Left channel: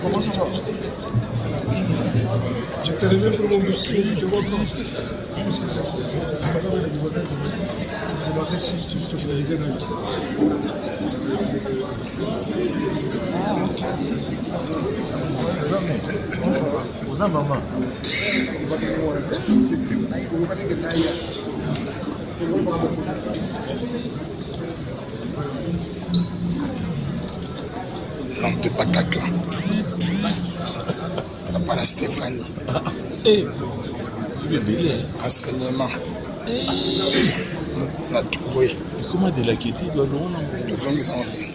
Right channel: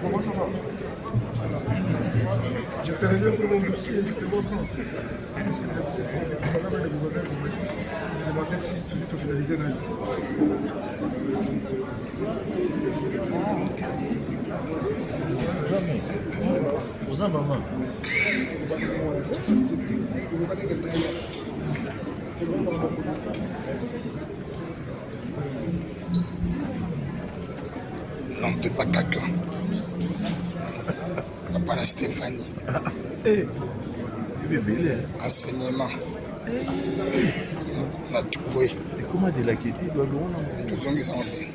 Comment ça va? Je te reviens pour le dossier du développement. Madame le gouverneur m'a demandé si tout est finalisé dans le... Ah, ok. Comment ça va? Vous êtes maman. L'homme de Bataclan. Papa la Stéphanie. Enseignement. On a trouvé. Et comment de la quête doit le Nous sommes en vie.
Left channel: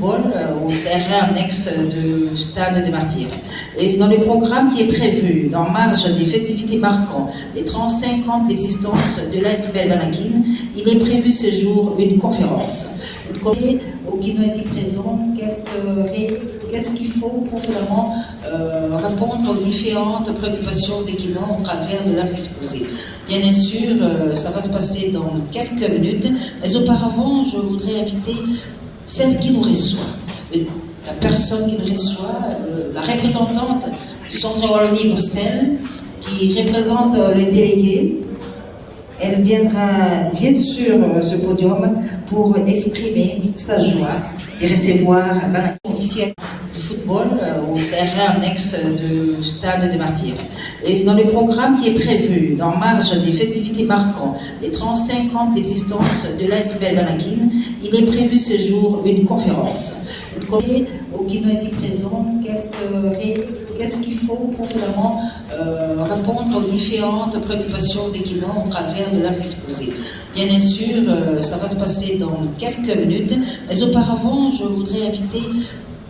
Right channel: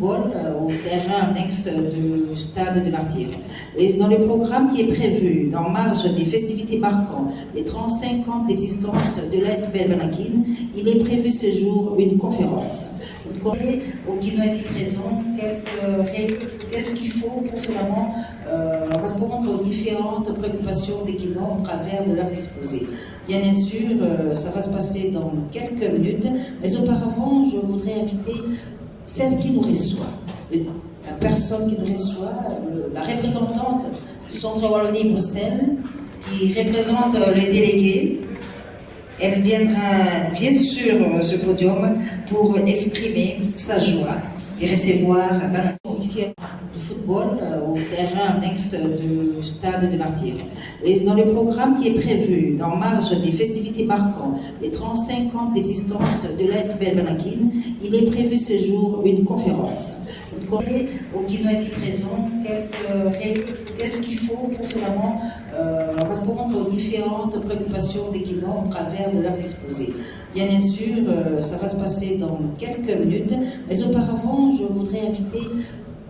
Au terrain annexe du stade des Martyrs. Et dans le programme qui est prévu, dans marge des festivités marquant les 35 ans d'existence de l'ASBL Banakin, il est prévu ce jour une conférence. Au Guinois ici présent, qu'est-ce qu'il faut pour finalement répondre aux différentes préoccupations des Guinois au travers de leurs exposés. Bien sûr, ça va se passer dans quelques minutes, mais auparavant, je voudrais inviter celle qui nous reçoit, la personne qui nous reçoit, la représentante du Centre Wallonie-Bruxelles, qui représente les délégués. Elle viendra bien sûr sur ce podium pour exprimer sa joie et recevoir Banakin. initiative de football au terrain annexe du stade des Martyrs. Et dans le programme qui est prévu, dans marge des festivités marquant les 35 ans d'existence de l'ASBL Banakin, il est prévu ce jour une conférence. Au Guinois ici présent, qu'est-ce qu'il faut pour finalement répondre aux différentes préoccupations des Guinois au travers de leurs exposés. Bien sûr, ça va se passer dans quelques minutes, mais auparavant, je voudrais inviter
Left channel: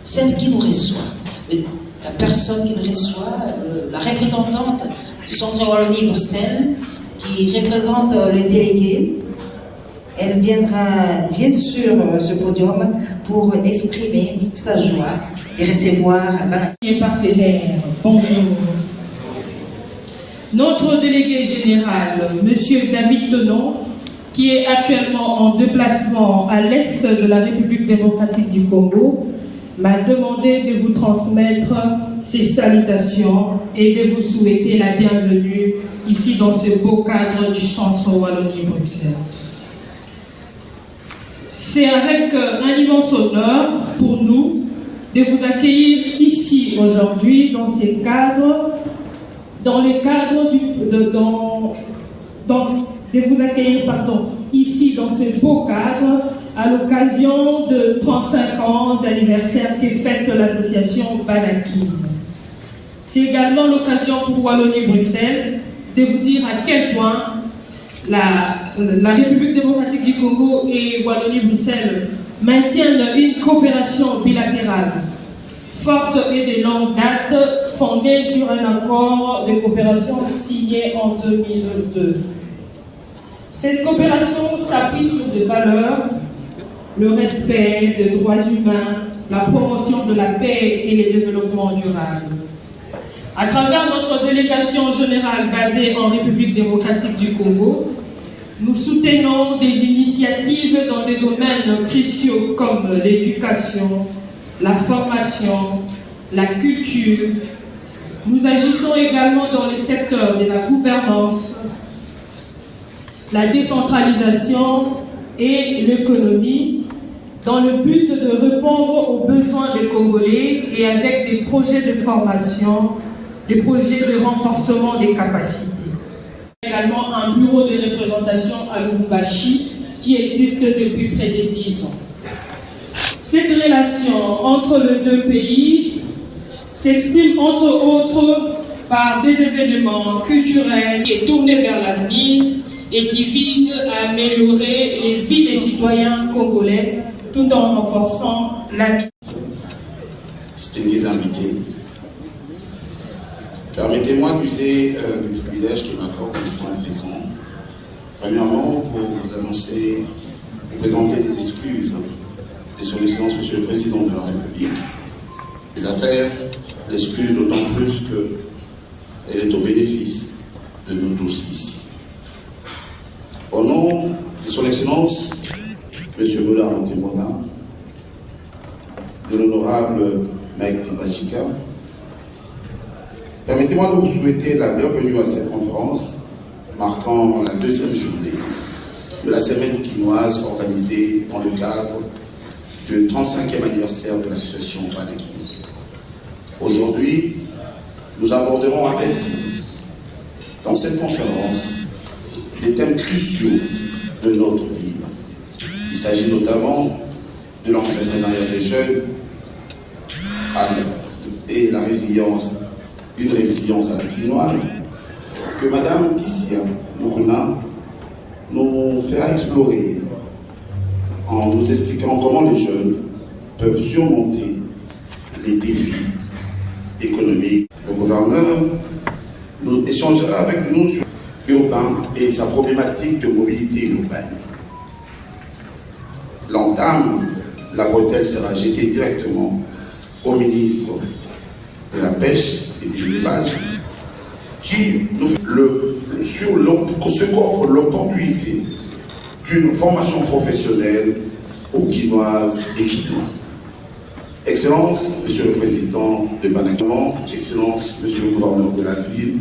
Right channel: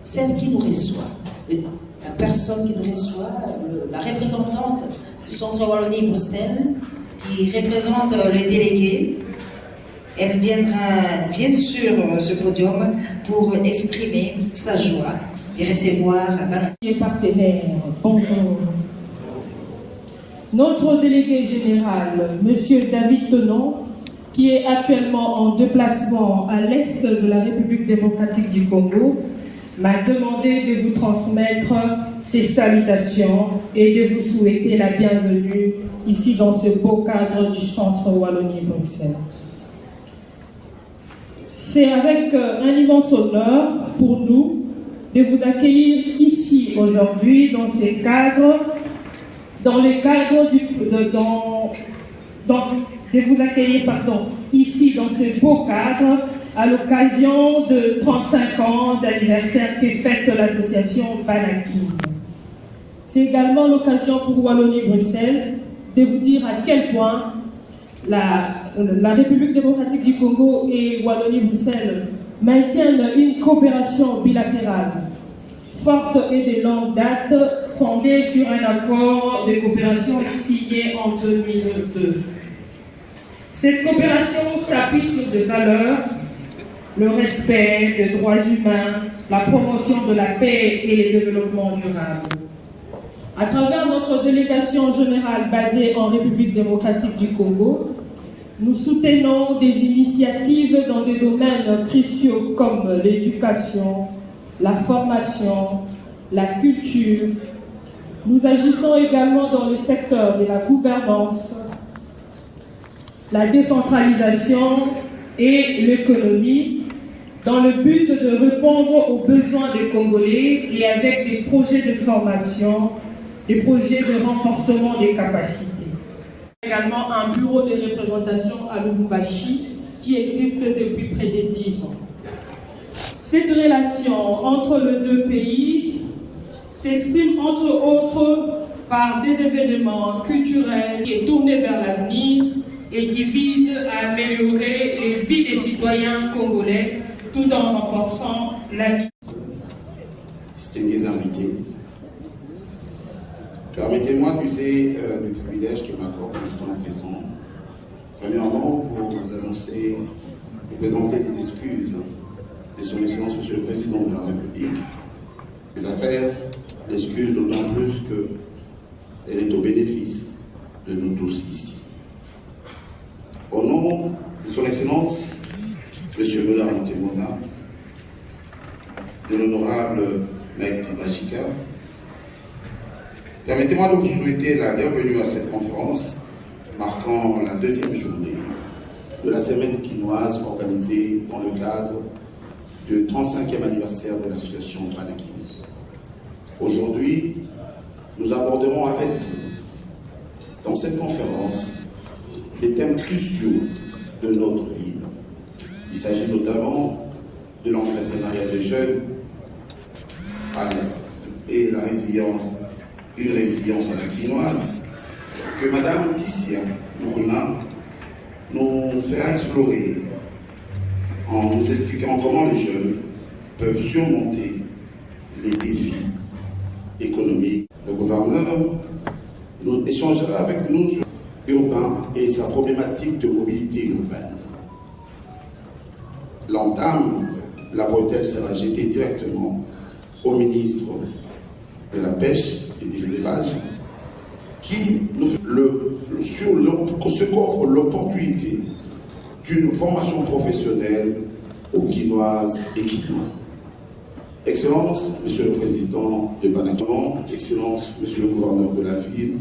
celle qui nous reçoit, la personne qui nous reçoit, la représentante du Centre Wallonie-Bruxelles, qui représente les délégués. Elle viendra bien sûr ce podium pour exprimer sa joie et recevoir Mes partenaires, bonjour. Notre délégué général, M. David Tenon, qui est actuellement en déplacement à l'est de la République démocratique du Congo, m'a demandé de vous transmettre ses salutations et de vous souhaiter la bienvenue ici dans ce beau cadre du Centre Wallonie-Bruxelles. C'est avec un immense honneur pour nous de vous accueillir ici aujourd'hui dans ces cadres, ici dans ce beau cadre à l'occasion de 35 ans d'anniversaire que fête l'association Banakin. C'est également l'occasion pour Wallonie-Bruxelles de vous dire à quel point la République démocratique du Congo et Wallonie-Bruxelles maintiennent une coopération bilatérale forte et de longue date, fondée sur un accord de coopération signé en 2002. Cette coopération s'appuie sur des valeurs, le respect des droits humains, la promotion de la paix et le développement durable. À travers notre délégation générale basée en République démocratique du Congo, nous soutenons des initiatives dans des domaines cruciaux comme l'éducation, la formation, la culture. Nous agissons également dans les secteurs de la gouvernance, la décentralisation et l'économie, dans le but de répondre aux besoins des Congolais et avec des projets de formation, des projets de renforcement des capacités. Également un bureau de représentation à Lubumbashi qui existe depuis près de 10 ans. Cette relation entre les deux pays s'exprime entre autres par des événements culturels qui sont tournés vers l'avenir et qui visent à améliorer les vies des citoyens congolais tout en renforçant l'amitié. Distingués invités, permettez-moi d'user du privilège qui m'accorde l'instant présent. Premièrement, pour vous annoncer, vous présenter des excuses de son Excellence Monsieur le Président de la République. Les affaires l'excusent d'autant plus qu'elle est au bénéfice de nous tous ici. Au nom de son Excellence Monsieur Boulard Montemona, de l'honorable Mike Tibachika, permettez-moi de vous souhaiter la bienvenue à cette conférence marquant la deuxième journée de la semaine quinoise organisée dans le cadre du 35e anniversaire de l'association Banakin. Aujourd'hui, nous aborderons avec vous, dans cette conférence, des thèmes cruciaux de notre vie. Il s'agit notamment de l'entrepreneuriat des jeunes et la résilience, une résilience à la quinoise, que Madame Tissia Mukuna nous fera explorer en nous expliquant comment les jeunes peuvent surmonter les défis économiques. Le gouverneur nous échangera avec nous sur l'urbain et sa problématique de mobilité urbaine. L'entame, la bretelle sera jetée directement au ministre de la Pêche et des Élevages, qui nous fait ce qu'offre l'opportunité d'une formation professionnelle aux Guinoises et Guinois. Excellence, Monsieur le Président de Banakin, Excellence, Monsieur le Gouverneur de la ville,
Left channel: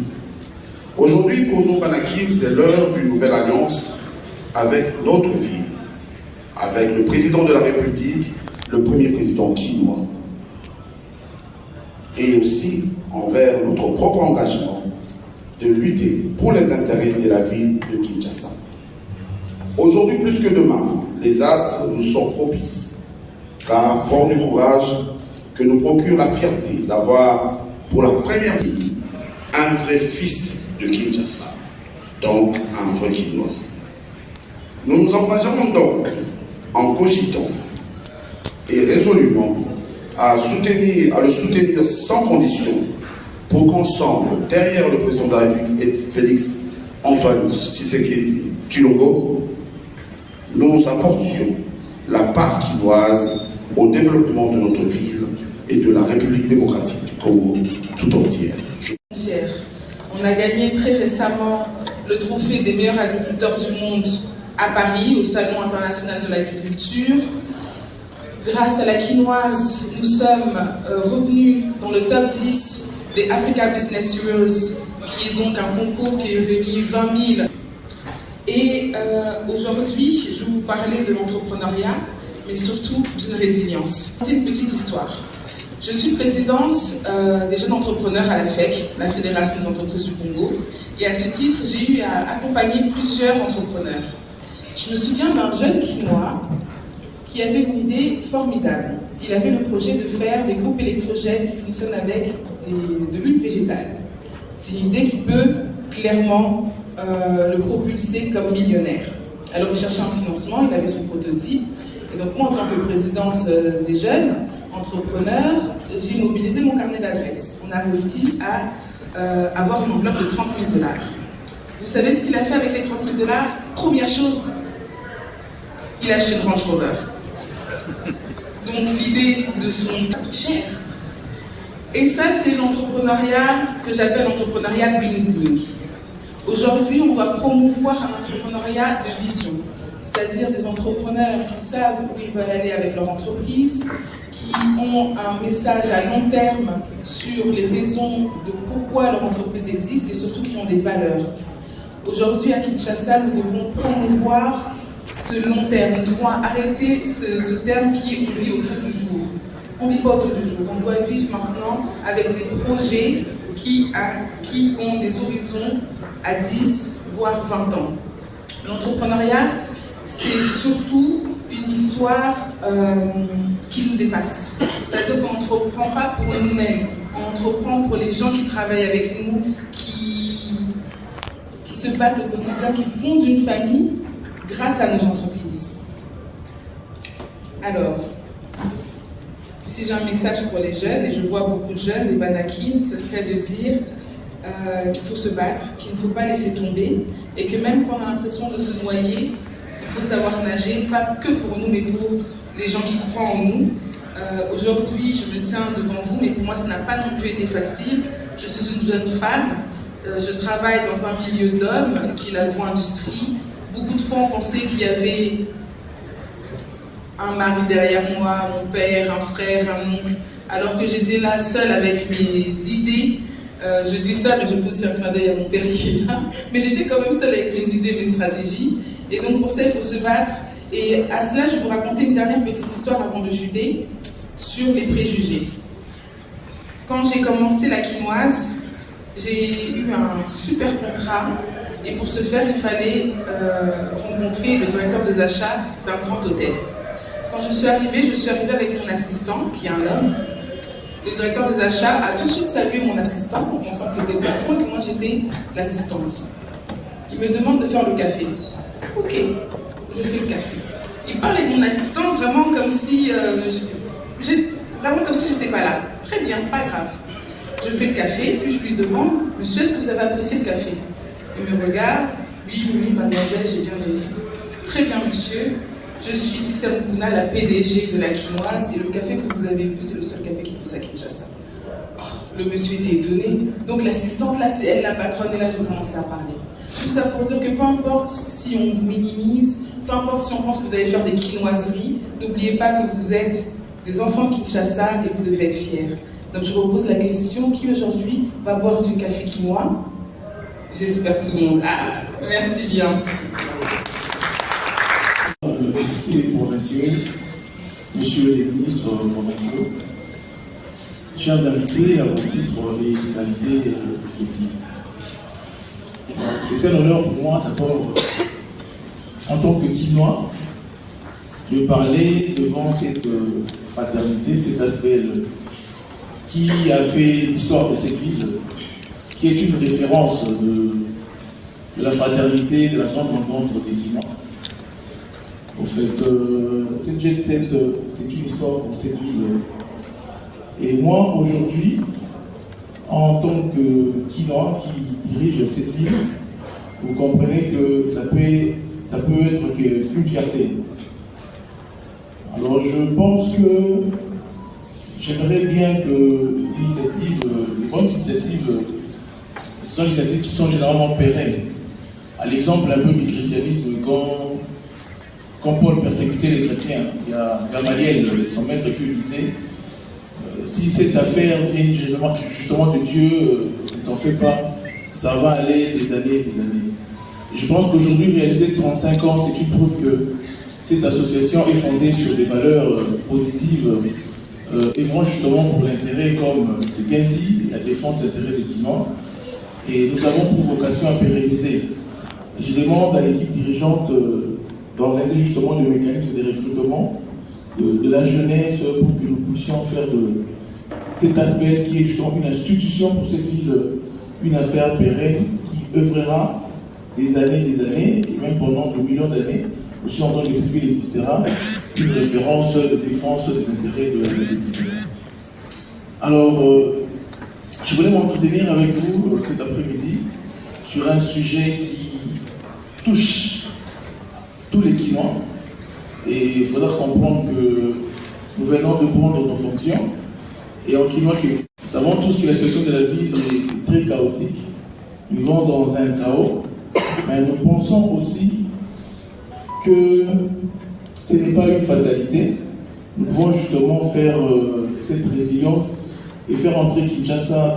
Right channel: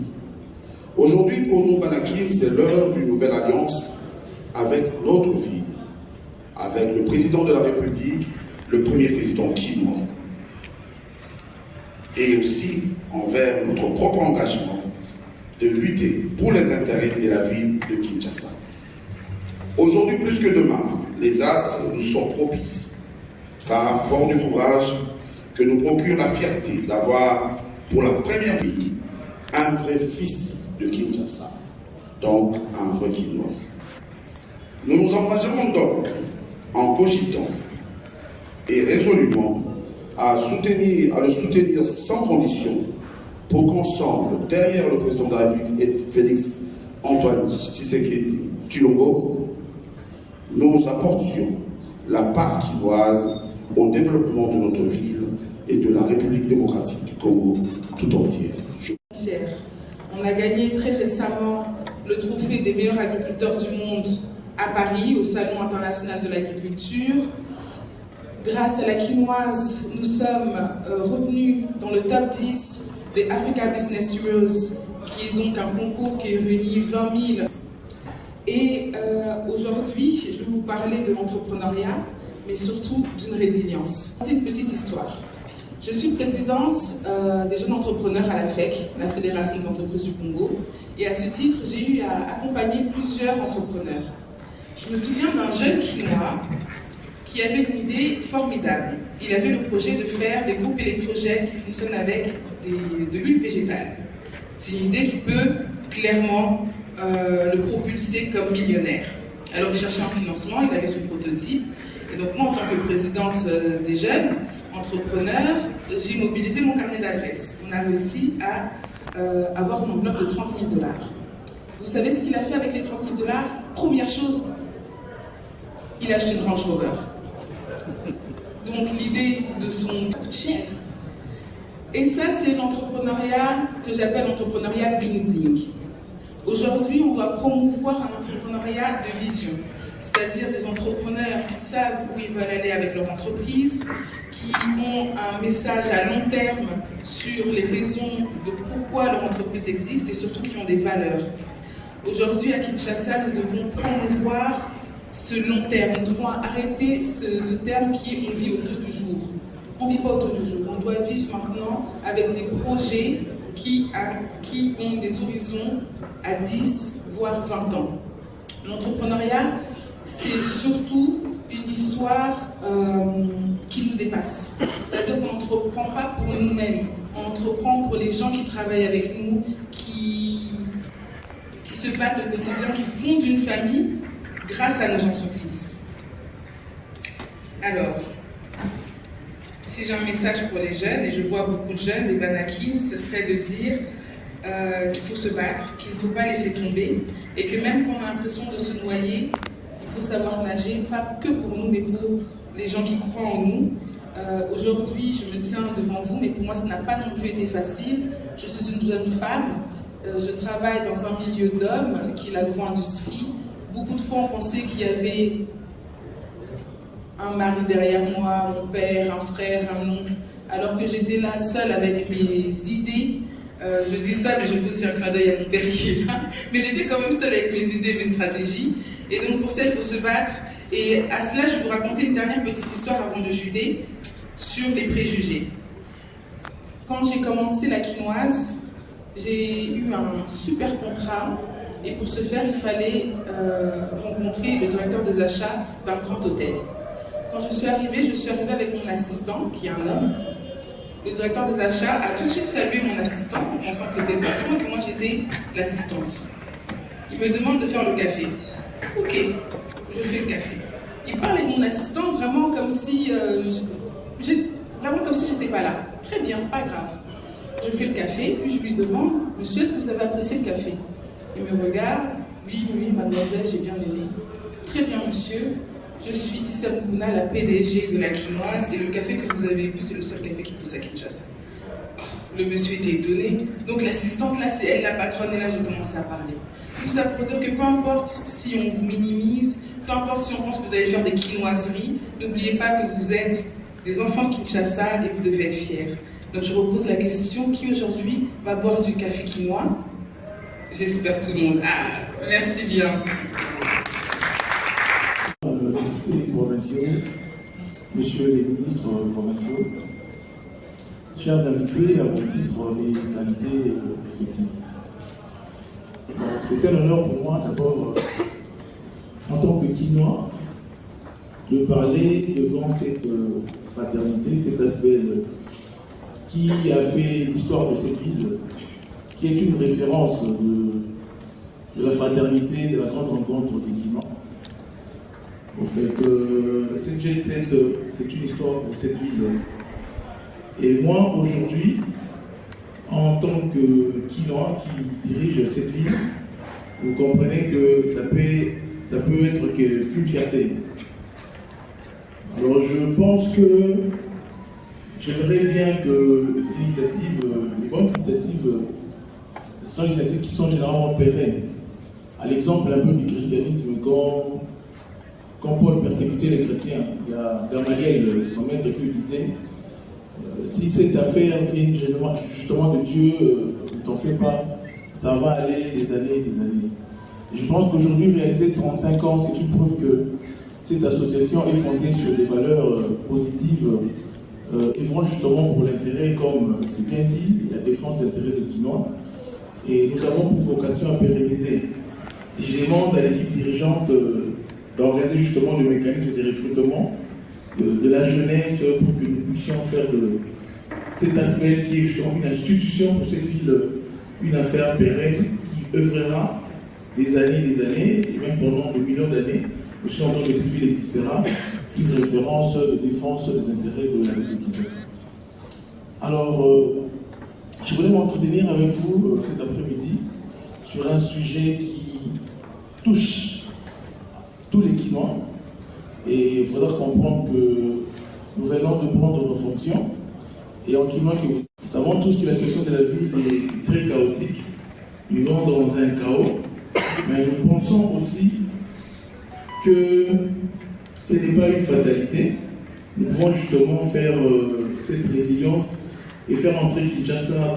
aujourd'hui pour nous, Banakin, c'est l'heure d'une nouvelle alliance avec notre ville, avec le Président de la République, le premier président quinois, et aussi envers notre propre engagement de lutter pour les intérêts de la ville de Kinshasa. Aujourd'hui plus que demain, les astres nous sont propices, car fort du courage que nous procure la fierté d'avoir pour la première fois un vrai fils de Kinshasa, donc un vrai Kinois. Nous nous engageons donc en cogitant et résolument à le soutenir sans condition pour qu'ensemble, derrière le président de la République et Félix Antoine Tshisekedi Tshilombo, nous apportions la part quinoise au développement de notre ville et de la République démocratique du Congo tout entière. On a gagné très récemment le trophée des meilleurs agriculteurs du monde à Paris, au Salon international de l'agriculture. Grâce à la quinoise, nous sommes revenus dans le top 10 des Africa Business Heroes, qui est donc un concours qui réunit 20 000. Et aujourd'hui, je vais vous parler de l'entrepreneuriat, mais surtout d'une résilience. C'est une petite histoire. Je suis présidente des jeunes entrepreneurs à la FEC, la Fédération des entreprises du Congo, et à ce titre, j'ai eu à accompagner plusieurs entrepreneurs. Je me souviens d'un jeune Quinois qui avait une idée formidable. Il avait le projet de faire des groupes électrogènes qui fonctionnent avec de l'huile végétale. C'est une idée qui peut clairement le propulser comme millionnaire. Alors il cherchait un financement, il avait son prototype. Et donc moi, en tant que présidente des jeunes entrepreneurs, j'ai mobilisé mon carnet d'adresses. On a réussi à avoir une enveloppe de 30 000 $. Vous savez ce qu'il a fait avec les 30 000 $? Première chose, il a acheté une Range Rover. Donc l'idée de son coûte cher. Et ça, c'est l'entrepreneuriat que j'appelle l'entrepreneuriat bling-bling. Aujourd'hui, on doit promouvoir un entrepreneuriat de vision, c'est-à-dire des entrepreneurs qui savent où ils veulent aller avec leur entreprise, qui ont un message à long terme sur les raisons de pourquoi leur entreprise existe et surtout qui ont des valeurs. Aujourd'hui, à Kinshasa, nous devons promouvoir ce long terme. Nous devons arrêter ce terme qui est on vit autour du jour. On ne vit pas autour du jour. On doit vivre maintenant avec des projets qui ont des horizons à 10, voire 20 ans. L'entrepreneuriat, c'est surtout une histoire qui nous dépasse. C'est-à-dire qu'on n'entreprend pas pour nous-mêmes, on entreprend pour les gens qui travaillent avec nous, qui se battent au quotidien, qui fondent une famille grâce à nos entreprises. Alors, si j'ai un message pour les jeunes, et je vois beaucoup de jeunes, des Banakines, ce serait de dire qu'il faut se battre, qu'il ne faut pas laisser tomber, et que même quand on a l'impression de se noyer, il faut savoir nager, pas que pour nous, mais pour les gens qui croient en nous. Aujourd'hui, je me tiens devant vous, mais pour moi, ça n'a pas non plus été facile. Je suis une jeune femme, je travaille dans un milieu d'hommes, qui est l'agro-industrie. Beaucoup de fois, on pensait qu'il y avait un mari derrière moi, mon père, un frère, un oncle, alors que j'étais là seule avec mes idées. Je dis ça, mais je fais aussi un clin d'œil à mon père qui est là. Mais j'étais quand même seule avec mes idées, mes stratégies. Et donc pour ça, il faut se battre. Et à cela, je vais vous raconter une dernière petite histoire avant de chuter sur les préjugés. Quand j'ai commencé la quinoise, j'ai eu un super contrat. Et pour ce faire, il fallait rencontrer le directeur des achats d'un grand hôtel. Quand je suis arrivée avec mon assistant, qui est un homme. Le directeur des achats a tout de suite salué mon assistant en pensant que c'était le patron et que moi j'étais l'assistante. Il me demande de faire le café. Ok, je fais le café. Il parlait de mon assistant vraiment comme si j'étais pas là. Très bien, pas grave. Je fais le café, puis je lui demande, monsieur, est-ce que vous avez apprécié le café? Il me regarde, oui, mademoiselle, j'ai bien aimé. Très bien, monsieur. Je suis Tissa Mukuna, la PDG de la quinoise, et le café que vous avez bu, c'est le seul café qui pousse à Kinshasa. Oh, le monsieur était étonné. Donc l'assistante, là, c'est elle la patronne, et là, j'ai commencé à parler. Tout ça pour dire que peu importe si on vous minimise, peu importe si on pense que vous allez faire des quinoiseries, n'oubliez pas que vous êtes des enfants de Kinshasa et vous devez être fiers. Donc je vous pose la question, qui aujourd'hui va boire du café quinois? J'espère tout le monde. Ah, merci bien. Provinciaux, messieurs les ministres provinciaux, chers invités, à vos titres et qualités respectives. C'est un honneur pour moi d'abord, en tant que Quinois, de parler devant cette fraternité, cet aspect qui a fait l'histoire de cette ville, qui est une référence de la fraternité, de la grande rencontre des Quinois. Au fait, cette jet set, c'est une histoire pour cette ville. Et moi, aujourd'hui, en tant que Quinois qui dirige cette ville, vous comprenez que ça peut être qu'une fierté. Alors je pense que j'aimerais bien que les bonnes initiatives, sont des initiatives qui sont généralement pérennes. À l'exemple un peu du christianisme, quand Paul persécutait les chrétiens, il y a Gamaliel, son maître, qui lui disait si cette affaire vient justement de Dieu, ne t'en fais pas, ça va aller des années et des années. Et je pense qu'aujourd'hui, réaliser 35 ans, c'est une preuve que cette association est fondée sur des valeurs positives, œuvrant justement pour l'intérêt, comme c'est bien dit, la défense de l'intérêt des Quinois. Et nous avons pour vocation à pérenniser. Et je demande à l'équipe dirigeante d'organiser justement le mécanisme de recrutement de la jeunesse pour que nous puissions faire de cet aspect qui est justement une institution pour cette ville, une affaire pérenne qui œuvrera des années, et même pendant des millions d'années, aussi en tant que cette ville existera, une référence de défense des intérêts de la ville. Alors, je voulais m'entretenir avec vous cet après-midi sur un sujet qui touche tous les Quinois. Et il faudra comprendre que nous venons de prendre nos fonctions. Et en Quinois, nous savons tous que la situation de la ville est très chaotique. Nous vivons dans un chaos. Mais nous pensons aussi que ce n'est pas une fatalité. Nous pouvons justement faire cette résilience et faire entrer Kinshasa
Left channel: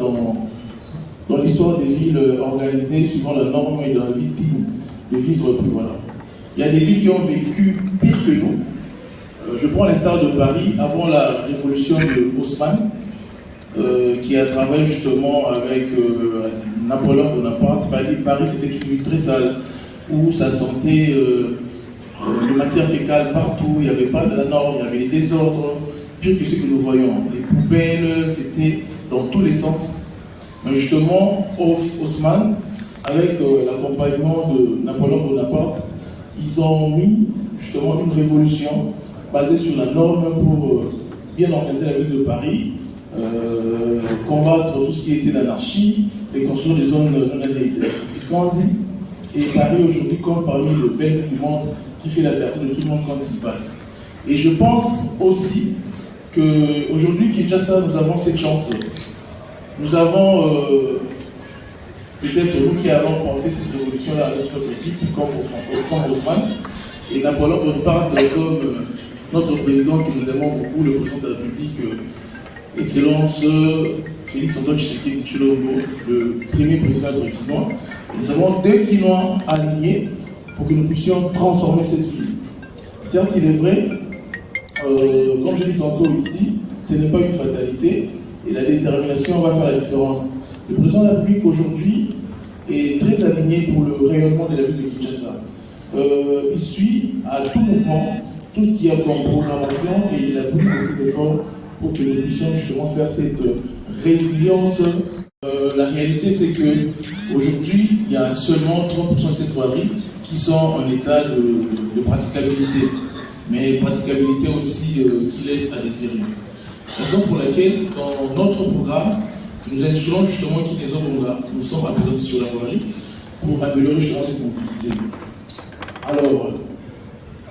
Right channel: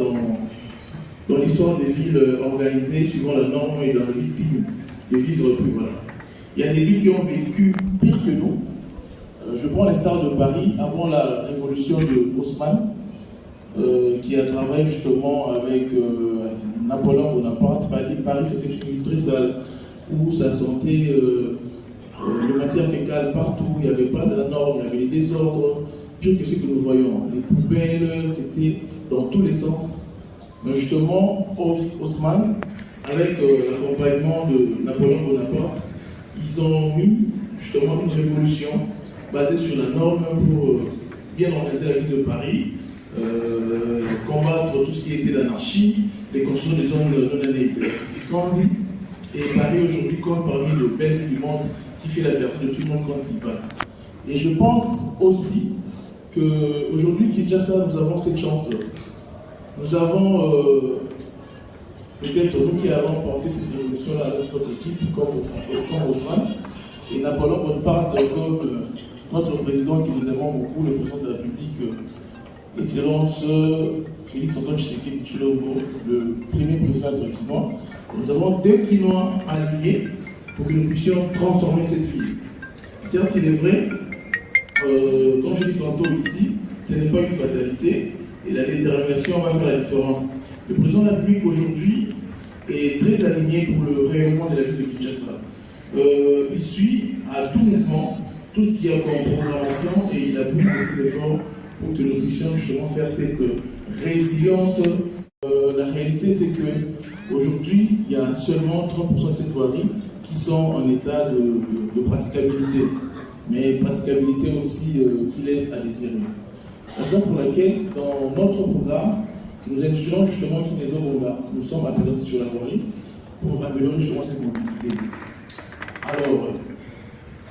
dans l'histoire des villes organisées suivant la norme et dans la vie digne de vivre plus. Voilà. Il y a des villes qui ont vécu pire que nous. Je prends l'instar de Paris, avant la révolution de Haussmann, qui a travaillé justement avec Napoléon Bonaparte. Paris, c'était une ville très sale, où ça sentait de matière fécale partout, il n'y avait pas de la norme, il y avait des désordres, pire que ce que nous voyons. Les poubelles, c'était dans tous les sens. Mais justement, Haussmann, avec l'accompagnement de Napoléon Bonaparte, ils ont mis justement une révolution basée sur la norme pour bien organiser la ville de Paris, combattre tout ce qui était l'anarchie, et construire des zones non anélificantes. Et Paris aujourd'hui compte parmi les belles villes du monde qui fait la fierté de tout le monde quand il passe. Et je pense aussi qu'aujourd'hui, Kinshasa, nous avons cette chance. Nous avons peut-être nous qui allons porter cette révolution-là à notre équipe, comme Haussmann, et Napoléon Bonaparte comme notre président que nous aimons beaucoup, le président de la République, Excellence Félix Antoine Tshisekedi Tshilombo, le premier président de Quinois. Nous avons 2 Quinois alignés pour que nous puissions transformer cette ville. Certes, il est vrai, comme je dis tantôt ici, ce n'est pas une fatalité et la détermination va faire la différence. Le président de la République aujourd'hui est très aligné pour le rayonnement de la ville de Kinshasa. Il suit à tout mouvement tout ce qu'il y a comme programmation et il a beaucoup de ses efforts pour que nous puissions justement faire cette résilience. La réalité, c'est qu'aujourd'hui, il y a seulement 30% de cette voirie qui sont en état de praticabilité, mais praticabilité aussi qui laisse à désirer. Raison pour laquelle, dans notre programme, nous intitulons justement Kinezo Bonga, nous sommes représentés sur la voirie pour améliorer justement cette mobilité. Alors,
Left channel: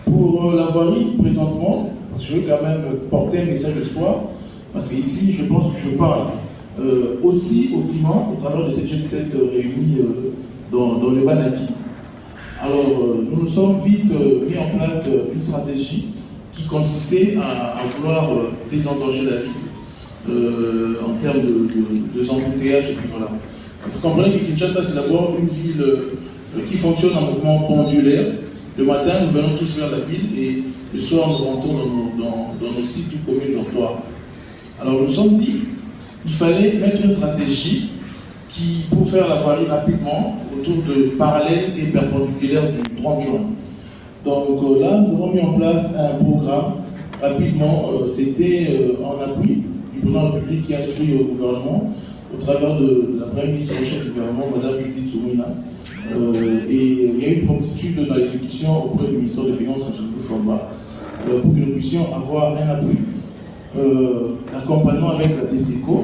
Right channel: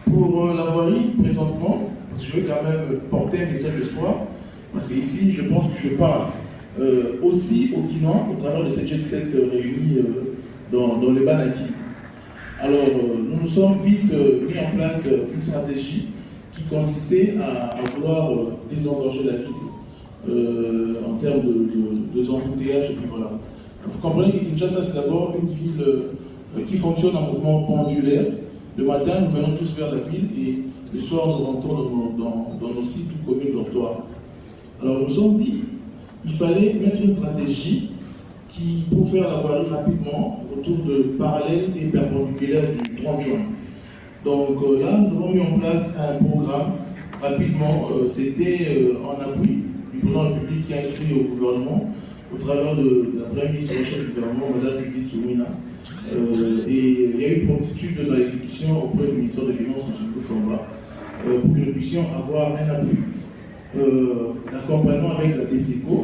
pour la voirie, présentement, parce que je veux quand même porter un message de foi, parce qu'ici, je pense que je parle aussi aux Quinois au travers de cette jet set réunie dans les Banaki. Alors, nous nous sommes vite mis en place une stratégie qui consistait à vouloir désengorger la ville en termes de embouteillages, et puis voilà. Vous comprenez que Kinshasa, c'est d'abord une ville qui fonctionne en mouvement pendulaire. Le matin, nous venons tous vers la ville et le soir, nous rentrons dans nos sites ou communes dortoirs. Alors, nous sommes dit il fallait mettre une stratégie pour faire la voirie rapidement autour de parallèles et perpendiculaires du 30 juin. Donc là, nous avons mis en place un programme rapidement. C'était en appui du président de la République qui a instruit au gouvernement au travers de la première ministre en chef du gouvernement, Mme Judith Suminwa. Et il y a eu une promptitude dans l'exécution auprès du ministère des Finances, M. Boufamba, pour que nous puissions avoir un appui d'accompagnement avec la DESECO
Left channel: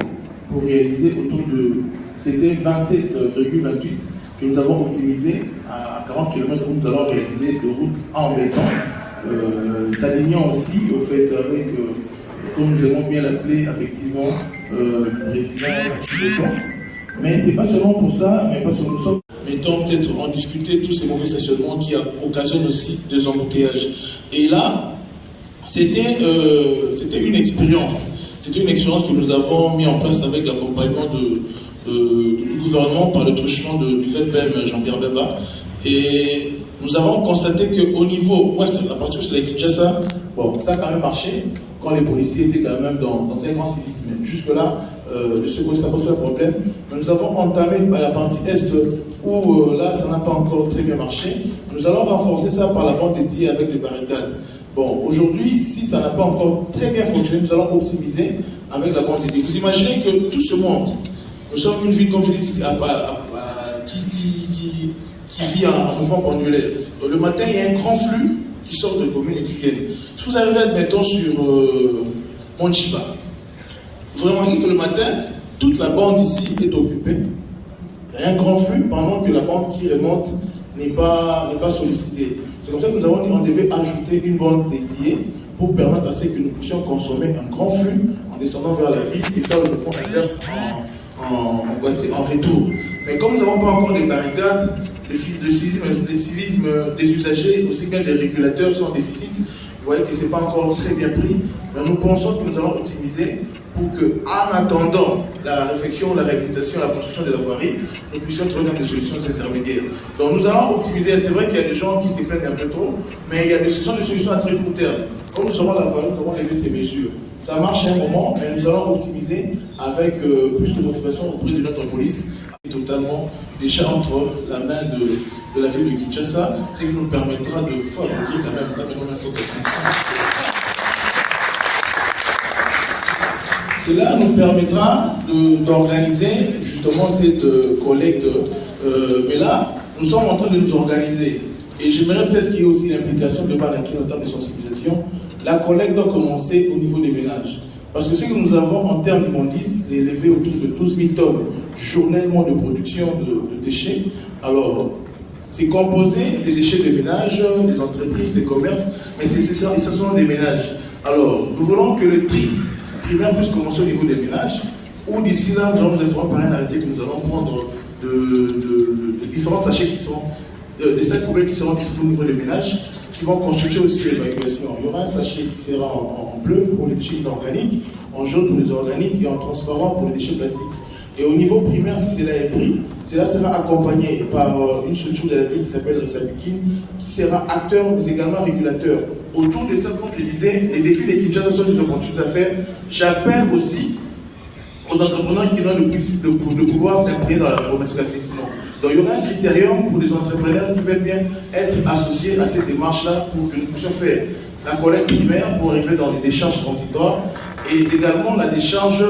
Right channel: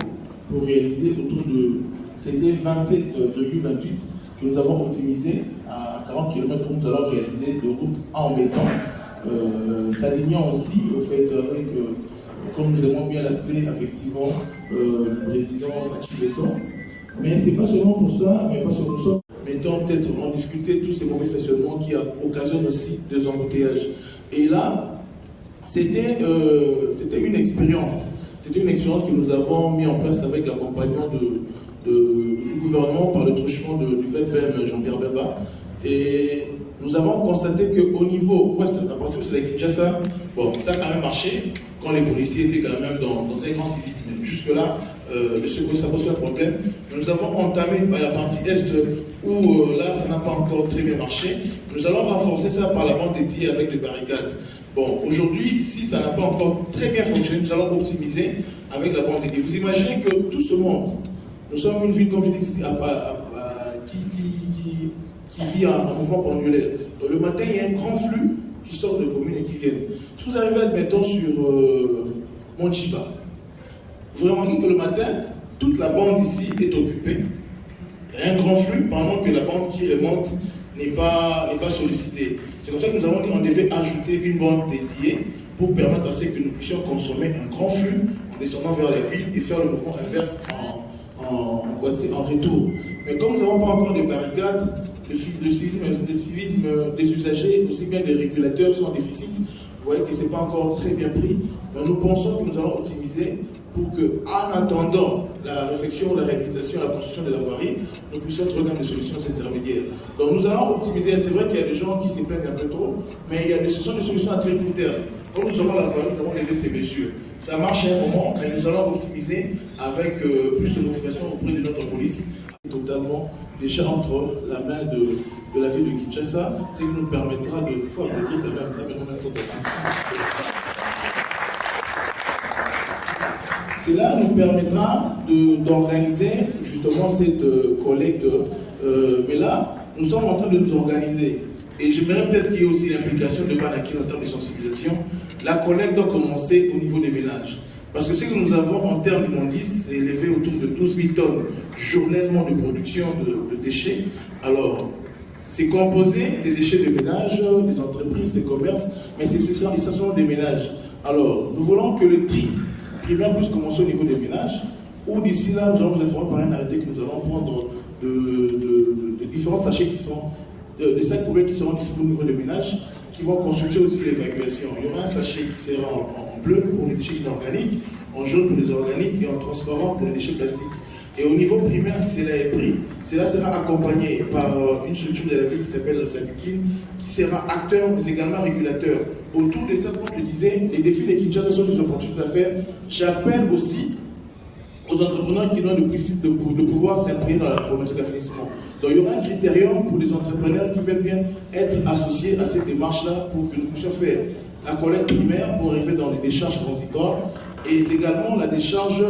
pour réaliser autour de... C'était 27,28 que nous avons optimisé à 40 km où nous allons réaliser de route en béton, s'alignant aussi au fait avec, comme nous aimons bien l'appeler, effectivement, le président béton. Mais ce n'est pas seulement pour ça, mais parce que nous sommes... Mettons peut-être en discuter tous ces mauvais stationnements qui occasionnent aussi des embouteillages. Et là, c'était une expérience. C'était une expérience que nous avons mis en place avec l'accompagnement du gouvernement par le truchement du FEDPEM Jean-Pierre Bemba. Et nous avons constaté qu'au niveau ouest, à partir de la Kinshasa, bon, ça a quand même marché quand les policiers étaient quand même dans un grand civisme. Jusque-là, ça pose pas de problème. Mais nous avons entamé à la partie est où là, ça n'a pas encore très bien marché. Nous allons renforcer ça par la bande dédiée avec des barricades. Bon, aujourd'hui, si ça n'a pas encore très bien fonctionné, nous allons optimiser avec la bande dédiée. Vous imaginez que tout ce monde, nous sommes une ville, comme je dis, qui vit en mouvement pendulaire. Donc le matin, il y a un grand flux qui sort de communes et qui viennent. Si vous arrivez, admettons, sur Monchiba, vous remarquez que le matin, toute la bande ici est occupée. Il y a un grand flux pendant que la bande qui remonte n'est pas sollicitée. C'est comme ça que nous avons dit qu'on devait ajouter une bande dédiée pour permettre à ce que nous puissions consommer un grand flux en descendant vers la ville et faire le pont inverse en retour. Mais comme nous n'avons pas encore des barricades, le civisme des usagers, aussi bien des régulateurs, sont en déficit. Vous voyez que ce n'est pas encore très bien pris. Mais nous pensons que nous allons optimiser pour que, en attendant la réflexion, la réhabilitation, la construction de la voirie, nous puissions trouver des solutions intermédiaires. Donc nous allons optimiser. C'est vrai qu'il y a des gens qui se plaignent un peu trop, mais ce sont des solutions à très court terme. Comme nous aurons la voirie, nous avons levé ces mesures. Ça marche à un moment, mais nous allons optimiser avec plus de motivation auprès de notre police, totalement déjà entre la main de la ville de Kinshasa, ce qui nous permettra de favoriser quand même la même sorte de France. Cela nous permettra d'organiser justement cette collecte. Mais là, nous sommes en train de nous organiser. Et j'aimerais peut-être qu'il y ait aussi l'implication de Banaki, notamment de sensibilisation. La collecte doit commencer au niveau des ménages. Parce que ce que nous avons en termes de mondice, c'est élevé autour de 12 000 tonnes journellement de production de déchets. Alors, c'est composé des déchets des ménages, des entreprises, des commerces, mais ce sont des ménages. Alors, nous voulons que le tri primaire puisse commencer au niveau des ménages, ou d'ici là, nous allons faire par un arrêté que nous allons prendre de différents sachets qui sont, des sacs poubelles qui seront disponibles au niveau des ménages, qui vont constituer aussi l'évacuation. Il y aura un sachet qui sera en bleu pour les déchets inorganiques, en jaune pour les organiques et en transparent pour les déchets plastiques. Et au niveau primaire, si cela est pris, cela sera accompagné par une structure de la ville qui s'appelle Sabikine, qui sera acteur mais également régulateur. Autour de ça, comme je le disais, les défis des Kinshasa sont des opportunités d'affaires. J'appelle aussi aux entrepreneurs qui ont le principe de pouvoir s'imprégner dans la promesse d'affaissement. Donc il y aura un critérium pour les entrepreneurs qui veulent bien être associés à cette démarche-là pour que nous puissions faire la collecte primaire pour arriver dans les décharges transitoires et également la décharge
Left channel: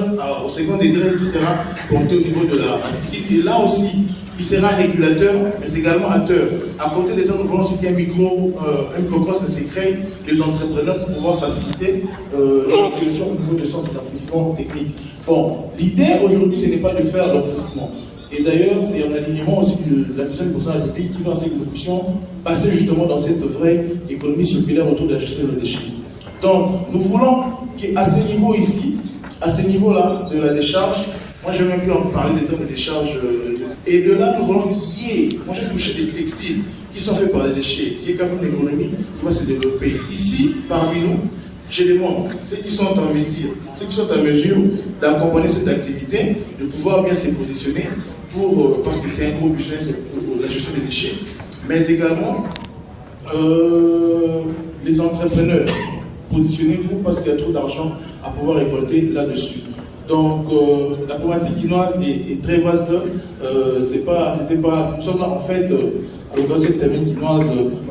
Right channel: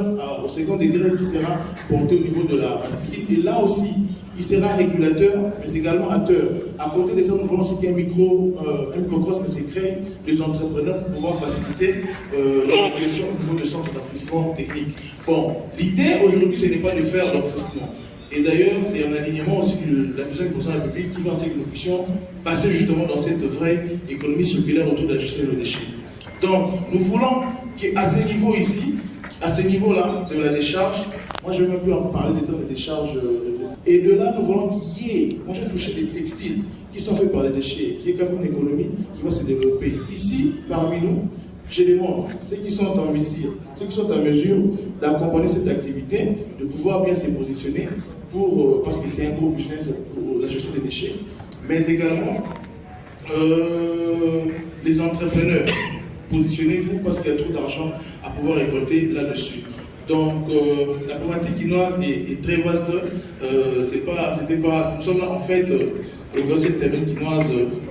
au second degré qui sera portée au niveau de la acide. Et là aussi, il sera régulateur, mais également acteur. À côté de ça, nous voulons aussi qu'il y ait un microcosme se crée des entrepreneurs pour pouvoir faciliter l'organisation au niveau des centres d'enfouissement technique. Bon, l'idée aujourd'hui, ce n'est pas de faire l'enfouissement. Et d'ailleurs, c'est un alignement aussi de la vision du président de la République qui va en que nous puissions passer justement dans cette vraie économie circulaire autour de la gestion des déchets. Donc, nous voulons qu'à ce niveau ici, à ce niveau-là de la décharge, moi je vais même plus en parler des termes de décharge, et de là nous voulons qu'il y ait, moi j'ai touché des textiles qui sont faits par les déchets, qui est quand même une économie qui va se développer. Ici, parmi nous, je demande ceux qui sont en mesure d'accompagner cette activité, de pouvoir bien se positionner, parce que c'est un gros business pour la gestion des déchets, mais également les entrepreneurs. Positionnez-vous parce qu'il y a trop d'argent à pouvoir récolter là-dessus. Donc la problématique quinoise est très vaste. Nous sommes là en fait à l'occasion de cette termine quinoise.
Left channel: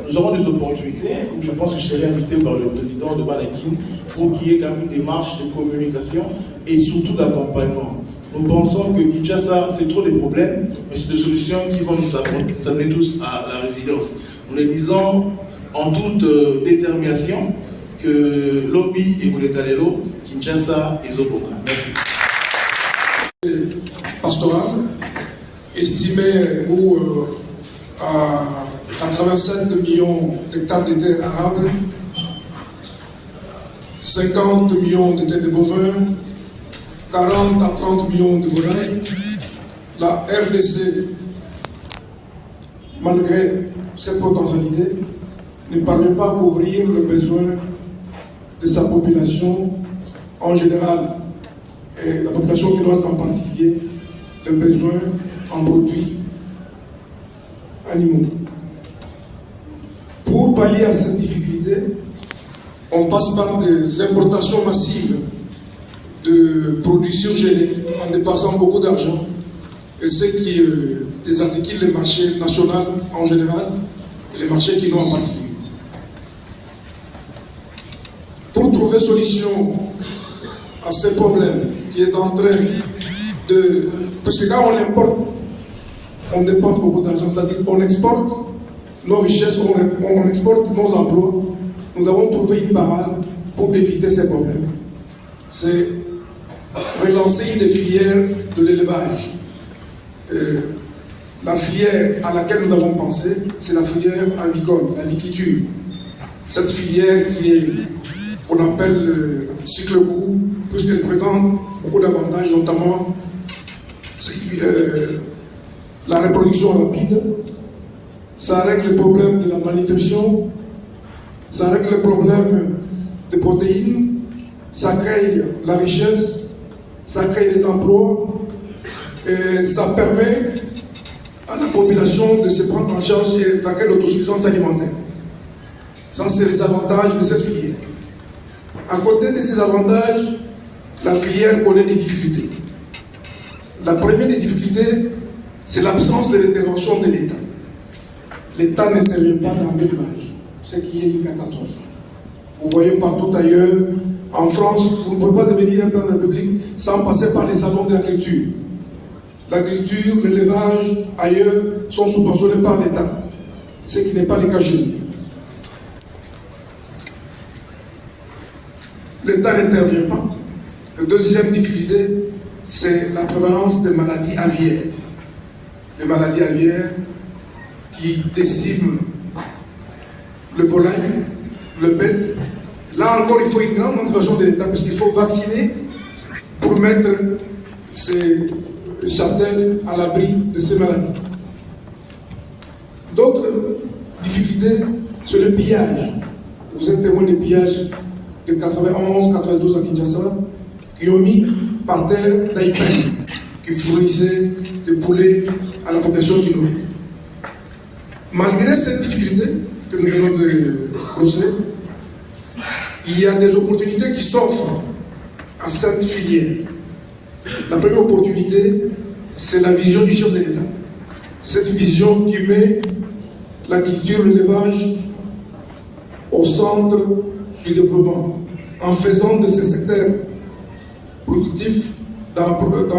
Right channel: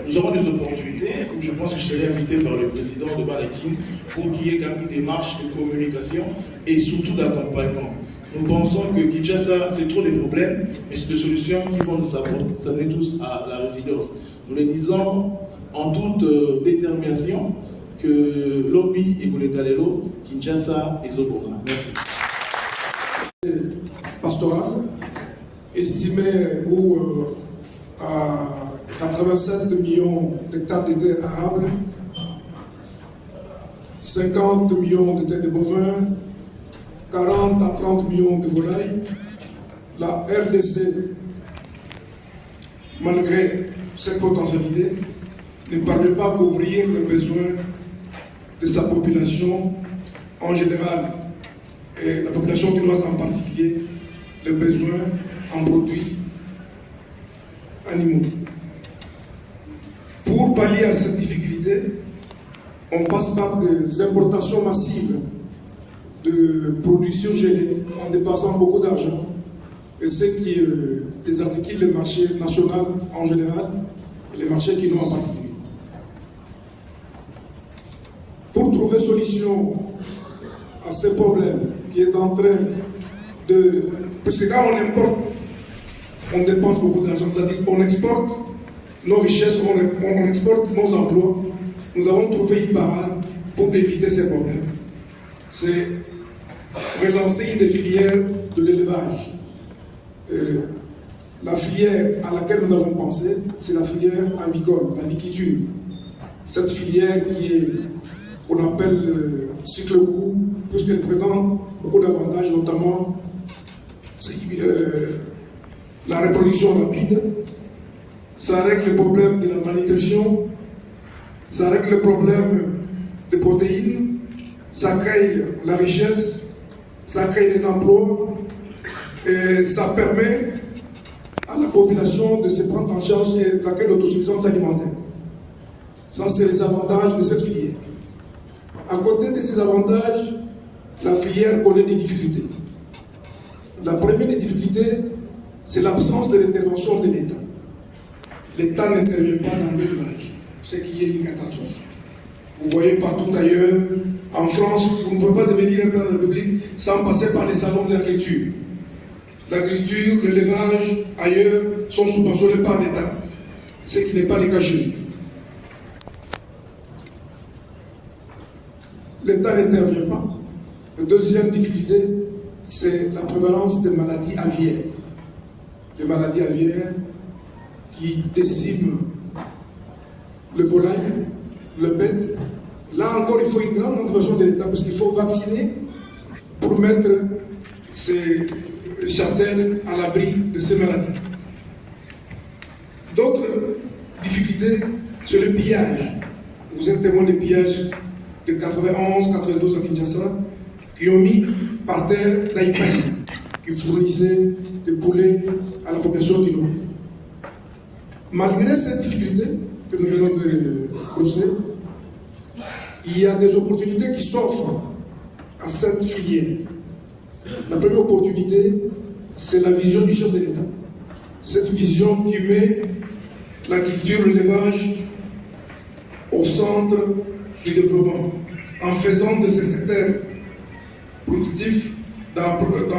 Nous aurons des opportunités. Je pense que je serai invité par le président de Banakin pour qu'il y ait quand même une démarche de communication et surtout d'accompagnement. Nous pensons que Kinshasa, c'est trop des problèmes, mais c'est des solutions qui vont nous amener tous à la résilience. Nous le disons en toute détermination que Lobby et Boulekalelo, Kinshasa et Zobonga. Merci. Pastoral, estimé à 87 millions d'hectares de terres arables, 50 millions de têtes de bovins, 40 à 30 millions de volailles. La RDC, malgré cette potentialité, ne parvient pas à couvrir le besoin de sa population en général, et la population quinoise en particulier, les besoins en produits animaux. Pour pallier à cette difficulté, on passe par des importations massives de produits surgelés en dépassant beaucoup d'argent, et ce qui désarticule les marchés nationaux en général et les marchés quinois en particulier. Pour trouver solution à ces problèmes qui est en train de... Parce que quand on importe, on dépense beaucoup d'argent, c'est-à-dire qu'on exporte nos richesses, on exporte nos emplois. Nous avons trouvé une parade pour éviter ces problèmes. C'est relancer une des filières de l'élevage. La filière à laquelle nous avons pensé, c'est la filière avicole, l'aviculture. Cette filière qui est, qu'on appelle cycle court, puisqu'elle présente beaucoup d'avantages, notamment la reproduction rapide. Ça règle le problème de la malnutrition, ça règle le problème des protéines, ça crée la richesse, ça crée des emplois, et ça permet à la population de se prendre en charge et d'acquérir l'autosuffisance alimentaire. Ça, c'est les avantages de cette filière. À côté de ces avantages, la filière connaît des difficultés. La première des difficultés, c'est l'absence de l'intervention de l'État. L'État n'intervient pas dans l'élevage, ce qui est une catastrophe. Vous voyez partout ailleurs, en France, vous ne pouvez pas devenir un plan de la République sans passer par les salons de l'agriculture. L'agriculture, l'élevage, ailleurs, sont subventionnés par l'État, ce qui n'est pas le cas chez nous. L'État n'intervient pas. La deuxième difficulté, c'est la prévalence des maladies aviaires. Les maladies aviaires qui déciment le volaille, le bête. Là encore, il faut une grande intervention de l'État parce qu'il faut vacciner pour mettre ces châtels à l'abri de ces maladies. D'autres difficultés, c'est le pillage. Vous êtes témoin de pillage de 91, 92 à Kinshasa, qui ont mis par terre d'Aïpani, qui fournissaient des poulets à la population quinoise. Malgré cette difficulté que nous venons de brosser, il y a des opportunités qui s'offrent à cette filière. La première opportunité, c'est la vision du chef de l'État. Cette vision qui met l'agriculture, l'élevage au centre du développement, en faisant de ces secteurs productifs dans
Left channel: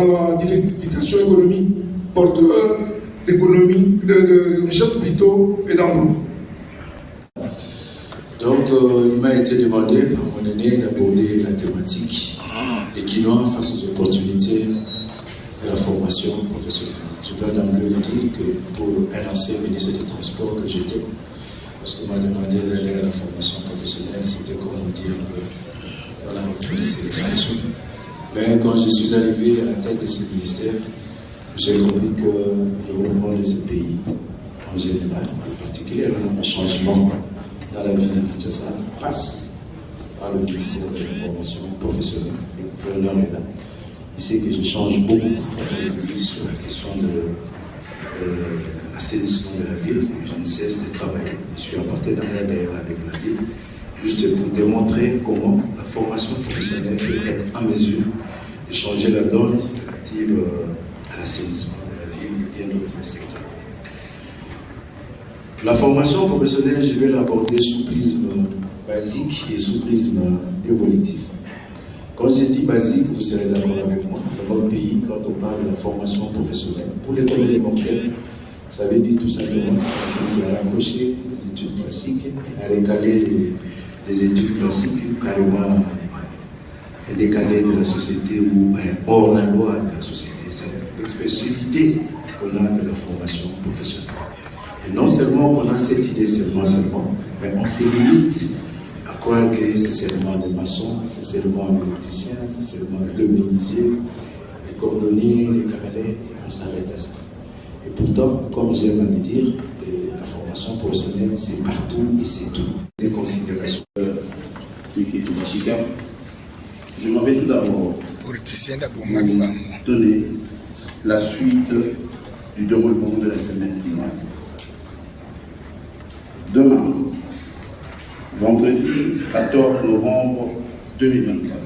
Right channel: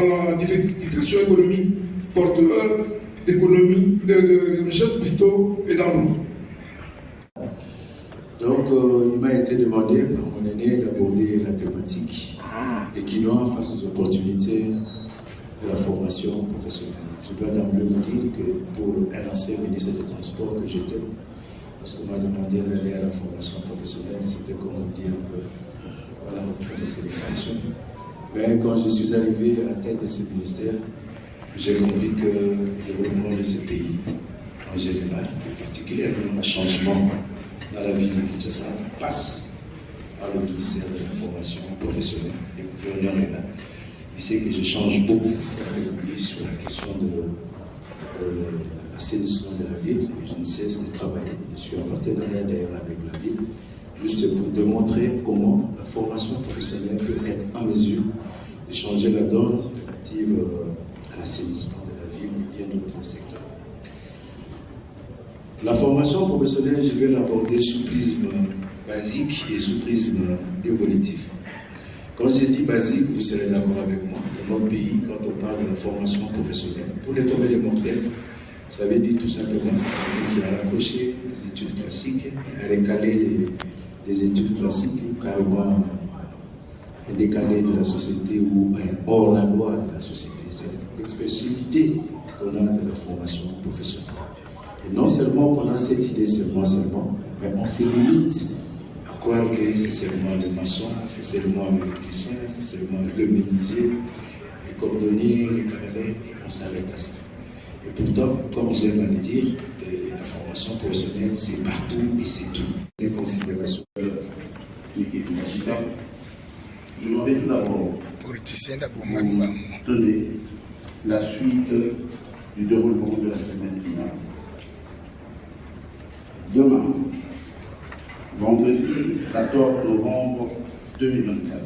la diversification économique porteur d'économie, de richesse plutôt et d'emploi. Donc, il m'a été demandé par mon aîné d'aborder la thématique des Quinois face aux opportunités de la formation professionnelle. Je peux d'emblée vous dire que pour un ancien ministre des Transports que j'étais, lorsqu'on m'a demandé d'aller à la formation professionnelle, c'était comme on dit un peu, voilà, vous connaissez l'expression. Mais quand je suis arrivé à la tête de ce ministère, j'ai compris que le développement de ce pays, en général, et particulièrement le changement dans la vie de Kinshasa, passe par le ministère de la formation professionnelle. Le gouverneur est là. Il sait que je change beaucoup depuis sur la question de l'assainissement de la ville. Et je ne cesse de travailler. Je suis en partenariat d'ailleurs avec la ville, juste pour démontrer comment la formation professionnelle peut être en mesure de changer la donne relative à l'assainissement de la ville et bien d'autres secteurs. La formation professionnelle, je vais l'aborder sous prisme basique et sous prisme évolutif. Quand je dis basique, vous serez d'accord avec moi. Dans notre pays, quand on parle de la formation professionnelle, pour les communs des mortels, ça veut dire tout simplement qu'il y a raccroché les études classiques, à récaler les études classiques carrément décalées de la société ou hors la loi de la société. C'est l'expressivité qu'on a de la formation professionnelle. Et non seulement on a cette idée seulement, mais on se limite à croire que c'est seulement le maçon, c'est seulement l'électricien, c'est seulement le menuisier, les cordonniers, les carrelets, et on s'arrête à ça. Et pourtant, comme j'aime à le dire, la formation professionnelle, c'est partout et c'est tout. Des considérations. Je m'en vais tout d'abord politicien vous donner la suite du déroulement de la semaine quinoise. Demain, vendredi 14 novembre 2024,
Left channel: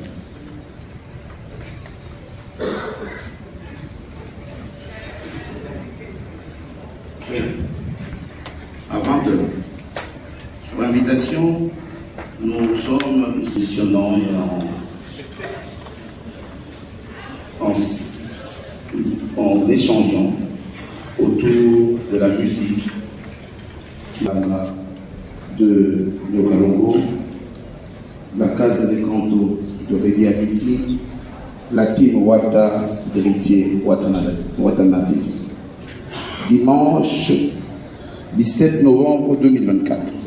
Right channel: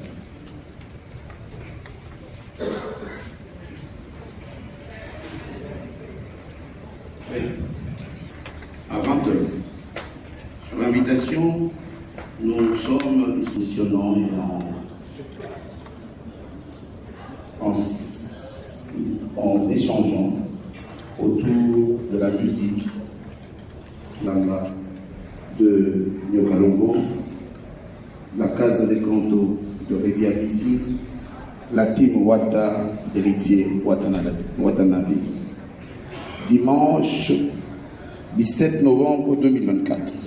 à 20h, sur invitation, nous fonctionnant et en échangeant autour de la musique de Yokalongo, la Casa de Canto de Redi Abissi, la team Wata d'héritier Watanabe. Dimanche 17 novembre 2024.